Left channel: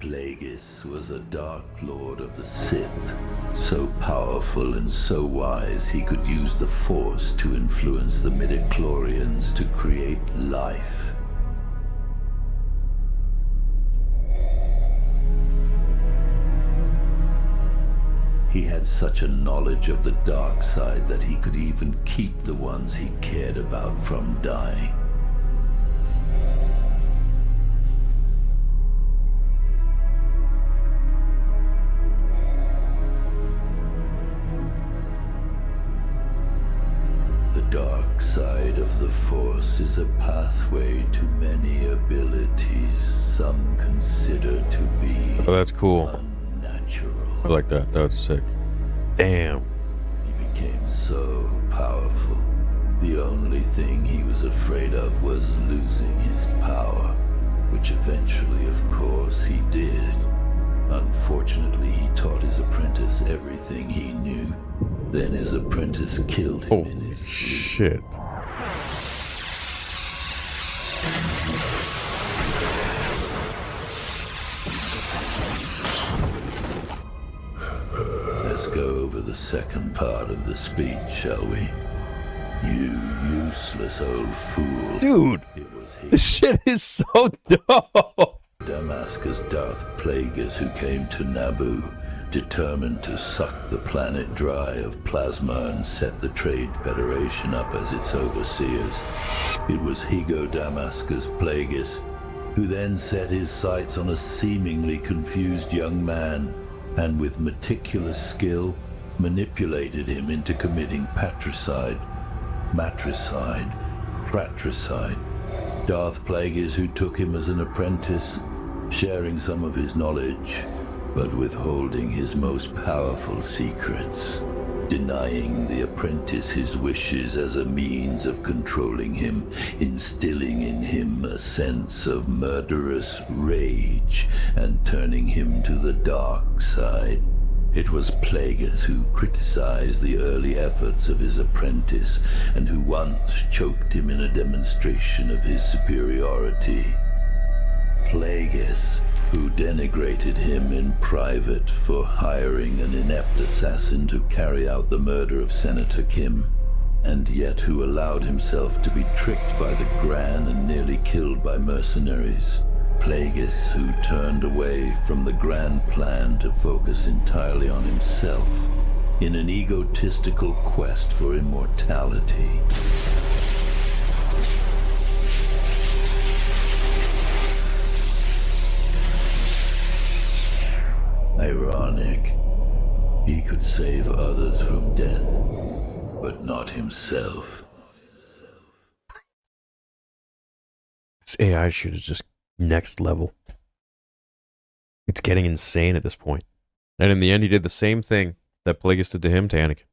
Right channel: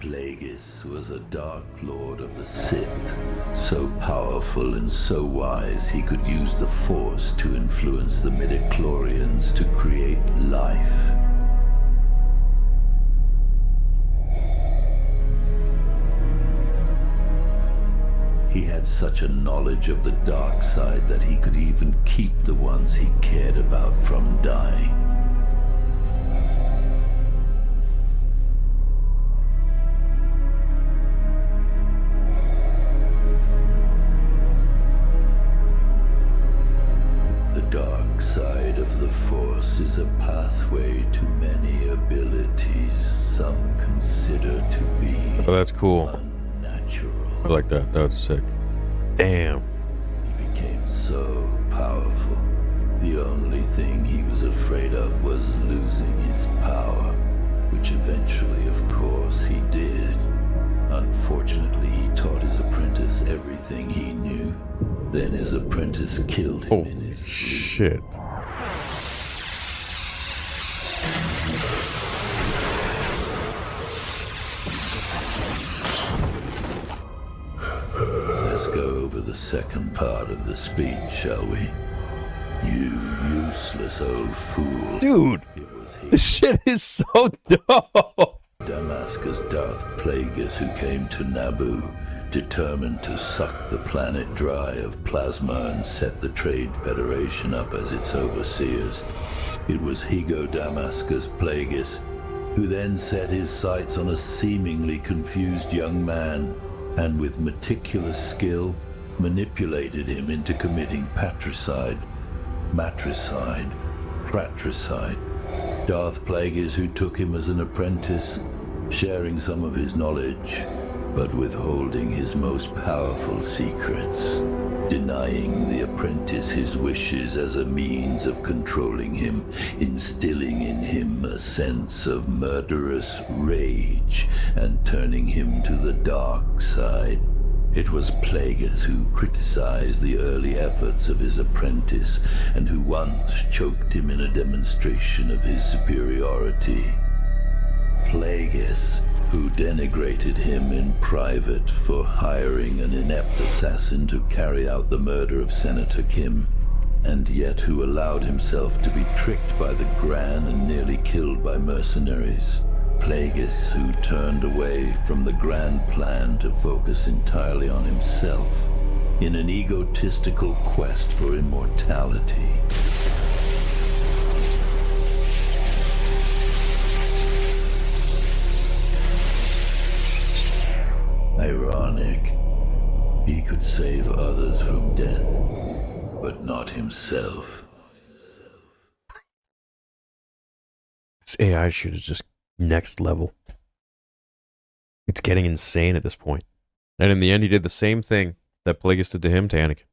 Plagueis was a Dark Lord of the Sith, so powerful and so wise he could use the Force to influence the midichlorians to create life. He had such a knowledge of the dark side that he could even keep the ones he cared about from dying. The dark side of the Force is a pathway to many abilities some consider to be Oh, that's cool. unnatural. I like that. That was sick. Damn. He became so powerful. The only thing he was afraid of was losing his power, which eventually, of course, he did. Unfortunately, he taught his apprentice everything he knew. Then his apprentice killed him in Holy his sleep. shit. Let's go over the second part of the speech, shall we? You useless old fool. Dude, It was this shit is so dope. Damascus Darth Plagueis who came to Naboo, determined to suck the planet dry of plasma and set the Trade Federation up as its overseers. It was Higo Damascus Plagueis who then set his sights on a seemingly confused young man and with meticulous skill manipulated him into committing patricide, matricide, fratricide. Darth Plagueis who took him as an apprentice, sharing some of his knowledge, but withholding his most powerful secrets, denying the apprentice his wishes as a means of controlling him, instilling in him a sense of murderous rage, and turning him to the dark side. It was Plagueis who criticized the early efforts of his apprentice, and who once choked him in a demonstration of his superiority. Plagueis who denigrated him in private for hiring an inept assassin to carry out the murder of Senator Kim, and yet who allowed himself to be tricked by the Gran and nearly killed by mercenaries. Plagueis who turned away from the grand plan to focus entirely on himself in an egotistical quest for immortality. Ironic. He could save others from death, but not himself. This AI shit is just next level. It's getting insane at this point. And in the end, he did the same thing that Plagueis did to him, to Anakin.